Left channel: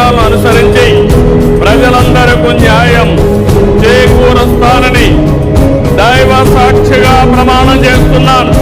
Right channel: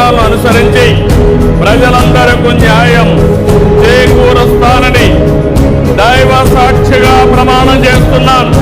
Programme అనుసరించి ప్రజలందరకు న్యాయం చేకూరుస్తానని దైవ సాక్షిగా ప్రమాణం చేస్తున్నాను.